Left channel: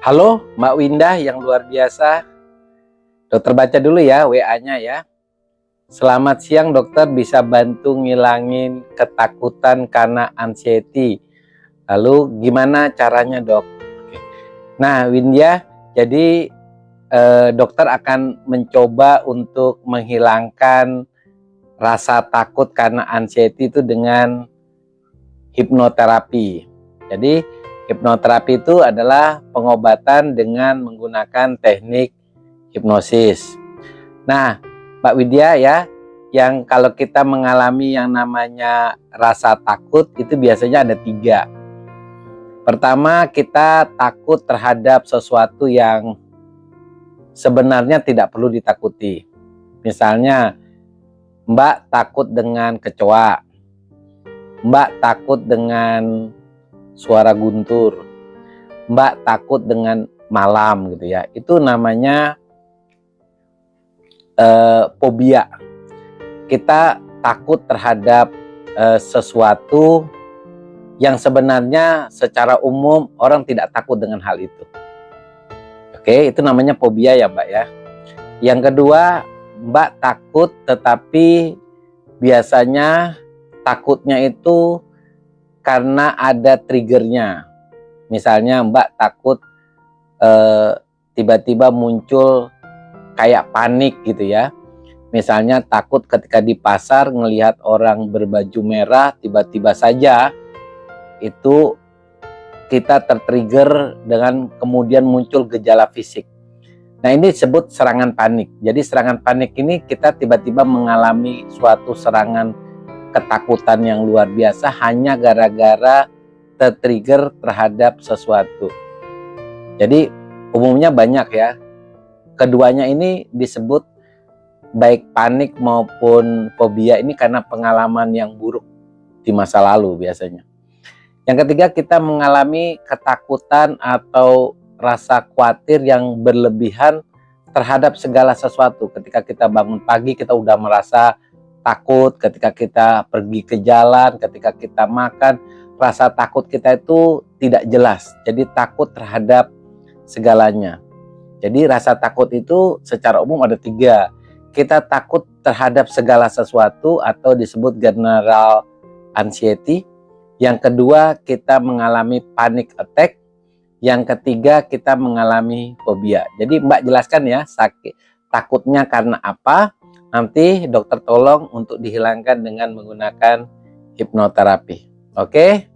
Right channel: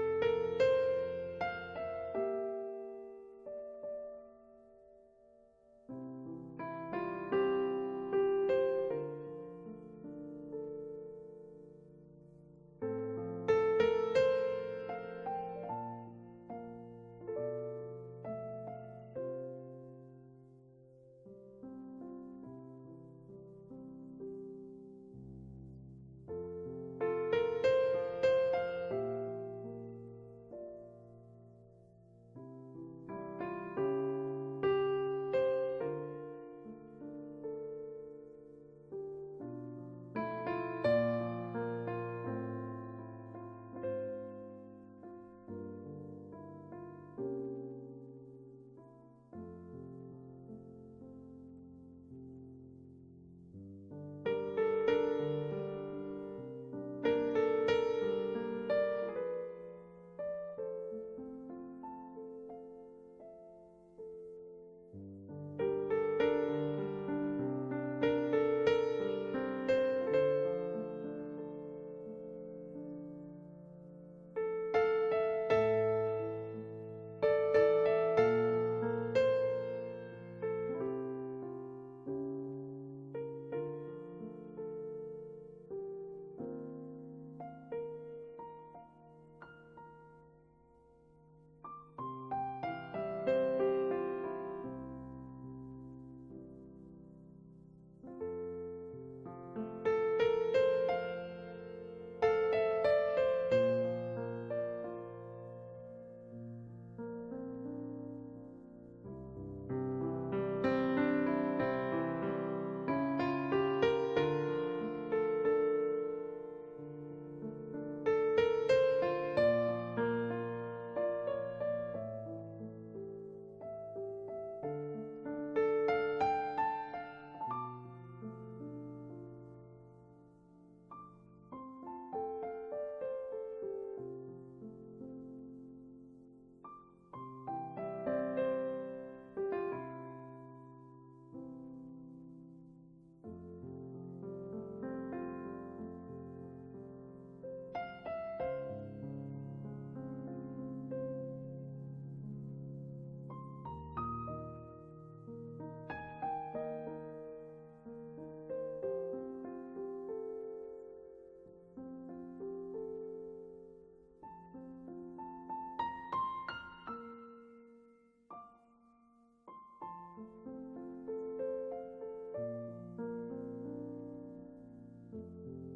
Halo Mbak Windah yang luar biasa. Dokter baca dulu ya WA-nya ya. Selamat siang dokter, bisa bantu ngilangin ketakutan karena anxiety. Lalu gimana caranya dok? Nah Windah, jadi dokter akan mencoba untuk menghilangkan rasa takut karena anxiety itu dengan hipnoterapi. Jadi hipnoterapi itu adalah pengobatan dengan menggunakan teknik hipnosis. Nah, Mbak Widya ya, yang kalau kita mengalami yang namanya rasa takut itu biasanya ada 3. Pertama, kita takut terhadap sesuatu yang sebenarnya tidak perlu ditakuti. Misalnya, Mbak takut dengan kecoa, Mbak takut dengan suara guntur, Mbak takut dengan malam gitu ya. Itu namanya fobia. Kita takut terhadap sesuatu yang sebenarnya secara umum orang tidak takut dengan hal itu. Oke, itu namanya fobia ya Mbak ya. Yang kedua, Mbak takut tetapi biasanya takutnya itu karena ada triggernya. Misalnya Mbak takut tiba-tiba muncul kayak panik gitu ya. Misalnya takut ketika di pasar ngelihat orang berbaju merah, tiba-tiba saja itu kita tertrigger dengan kemudian muncul gejala fisik. Nah ini disebut serangan panik. Jadi serangan panik ini kita tiba-tiba mengalami suatu serangan ketakutan yang luar biasa hanya gara-gara tertrigger terhadap sesuatu. Jadi umumnya banyak ya. Keduanya ini disebut baik panik maupun fobia ini karena pengalaman yang buruk di masa lalu biasanya. Yang ketiga, kita mengalami ketakutan atau rasa khawatir yang berlebihan terhadap segala sesuatu. Ketika kita bangun pagi, kita udah merasa takut. Ketika kita pergi ke jalan, ketika kita makan, rasa takut kita itu tidak jelas. Jadi takut terhadap segalanya. Jadi rasa takut itu secara umum ada 3. Kita takut terhadap segala sesuatu atau disebut general anxiety. Yang kedua, kita mengalami panic attack. Yang ketiga, kita mengalami fobia. Jadi Mbak jelaskan ya, takutnya karena apa? Nanti dokter tolong untuk dihilangkan dengan menggunakan hipnoterapi. Oke?